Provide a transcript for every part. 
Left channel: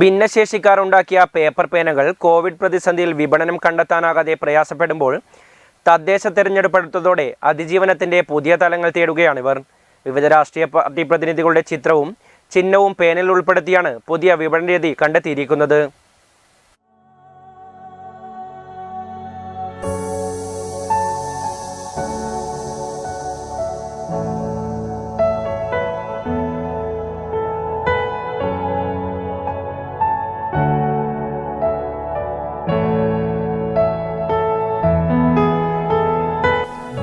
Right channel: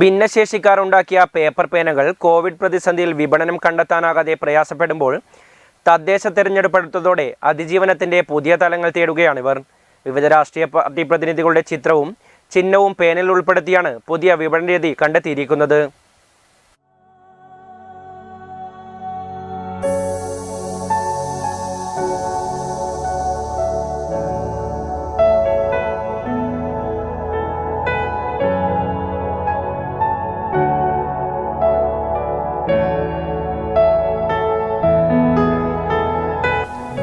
ഭിന്നശേഷിക്കാർ ഉണ്ടാക്കിയ paper പേനകൾ Covid പ്രതിസന്ധിയിൽ വിപണനം കണ്ടെത്താനാകാതെ പ്രയാസപ്പെടുമ്പോൾ തദ്ദേശ തെരഞ്ഞെടുപ്പെടുത്തതോടെ അതിജീവനത്തിന്റെ പുതിയ തലങ്ങൾ തേടുകയാണിവർ. വിവിധ രാഷ്ട്രീയ പാർട്ടി പ്രതിനിധികളുടെ ചിത്രവും ചിഹ്നവും പേനയിൽ ഉൾപ്പെടുത്തിയാണ് പുതിയ വിപണന രീതി കണ്ടെത്തിയിരിക്കുന്നത്.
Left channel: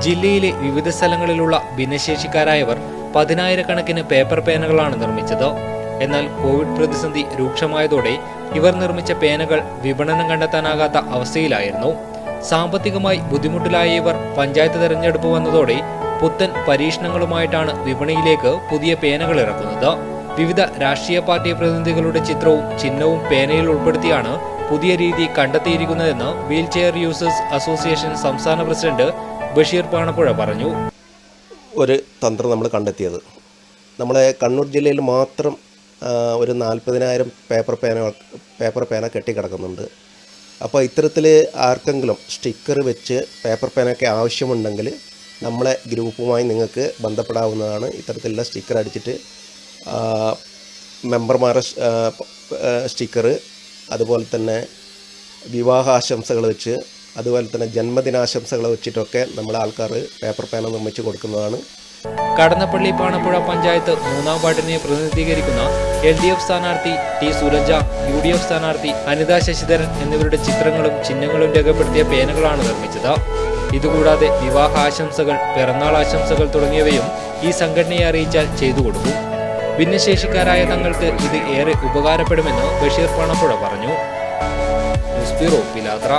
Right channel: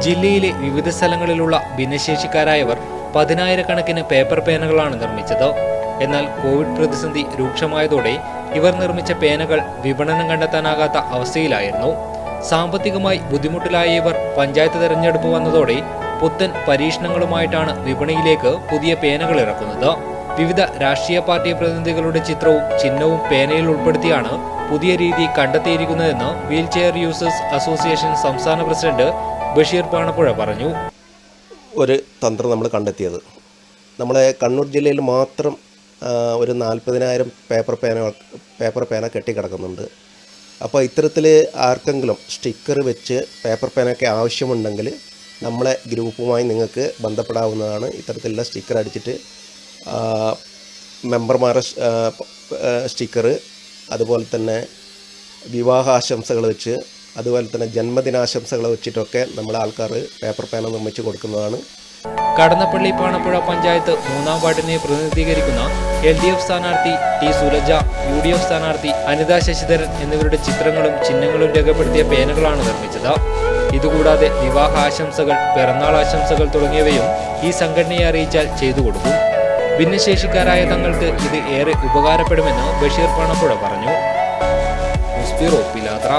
ജില്ലയിലെ വിവിധ സ്ഥലങ്ങളിലുള്ള ഭിന്നശേഷിക്കാരായവർ 10,000-കണക്കിന് പേപ്പർ പേനകളാണ് നിർമ്മിച്ചത്. എന്നാൽ കോവിഡ് പ്രതിസന്ധി രൂക്ഷമായതോടെ ഇവർ നിർമ്മിച്ച പേനകൾ വിപണനം കണ്ടെത്താനാകാത്ത അവസ്ഥയിലായിരുന്നു. സാമ്പത്തികമായി ബുദ്ധിമുട്ടിലായ ഇവർ പഞ്ചായത്ത് തെരഞ്ഞെടുപ്പ് വന്നതോടെ പുത്തൻ പരീക്ഷണങ്ങളുമായിട്ടാണ് വിപണിയിലേക്ക് പുതിയ പേനകൾ ഇറക്കുന്നത്. വിവിധ രാഷ്ട്രീയ പാർട്ടി പ്രതിനിധികളുടെ ചിത്രവും ചിഹ്നവും പേനയിൽ ഉൾപ്പെടുത്തിയാണ് പുതിയ രീതി കണ്ടെത്തിയിരിക്കുന്നതെന്ന് വീൽചെയർ യൂസേഴ്സ് അസോസിയേഷൻ സംസ്ഥാന പ്രസിഡന്റ് ബഷീർ പാണപ്പുഴ പറഞ്ഞു. ഒരു തന്ത്രം നമ്മൾ കണ്ടെത്തിയത് നമ്മുടെ കണ്ണൂർ ജില്ലയിൽ മാത്രം ഒരു 40,000 പേപ്പർ പേന കെട്ടിക്കിടക്കുന്നുണ്ട്. അപ്പോൾ ഇത്തരത്തിൽ ആർക്കെങ്കിലും സ്റ്റിക്കർ വെച്ച് പേപ്പർ പേനയൊക്കെ ആവശ്യമുണ്ടെങ്കിൽ നമ്മളെ ഗ്രൂപ്പുമായി നിങ്ങൾക്ക് ബന്ധപ്പെടാവുന്നതാണ്. ഇത്തരത്തിലുള്ള സ്റ്റിക്കർ അടിച്ചിട്ട് മെമ്പർമാരുടെ സ്റ്റിക്കർ, അതുപോലെ തന്നെ വിവാഹാശംസകൾ വെച്ച്, അതുപോലെ തന്നെ ജന്മദിനാശംസകൾ വെച്ചിട്ടൊക്കെ നമ്മുടെ ആൾക്കാർ പേപ്പർ പേന നിർമ്മിച്ച് കൊടുക്കുന്നതാണ്. കടന്നപ്പള്ളി പാണപ്പുഴ പഞ്ചായത്ത് 3-ാം വാർഡിനെ പ്രതിനിധീകരിക്കുന്ന LDF സ്ഥാനാർത്ഥി ടി സുരജ, UDF സ്ഥാനാർത്ഥി അനിത ശശിധരൻ എന്നിവരുടെ ചിത്രങ്ങളും ചിഹ്നങ്ങളും രേഖപ്പെടുത്തിയ പേനകളാണ് നിർമ്മിച്ചത്. ഇതുകൂടാതെ വിവാഹ ആശംസകൾ, പിറന്നാൾ ആശംസകൾ തുടങ്ങിയവയും ഈ സംഘടനയെ അറിയിച്ചാൽ ചെയ്തു കൊടുക്കും. ഭിന്നശേഷിക്കാരായ തങ്ങൾക്ക് ഇത് ഏറെ ഉപകാരപ്പെടുമെന്ന് ബഷീർ പാണപ്പുഴ പറഞ്ഞു. ന്യൂസ് ബ്യൂറോ, പിലാത്ര.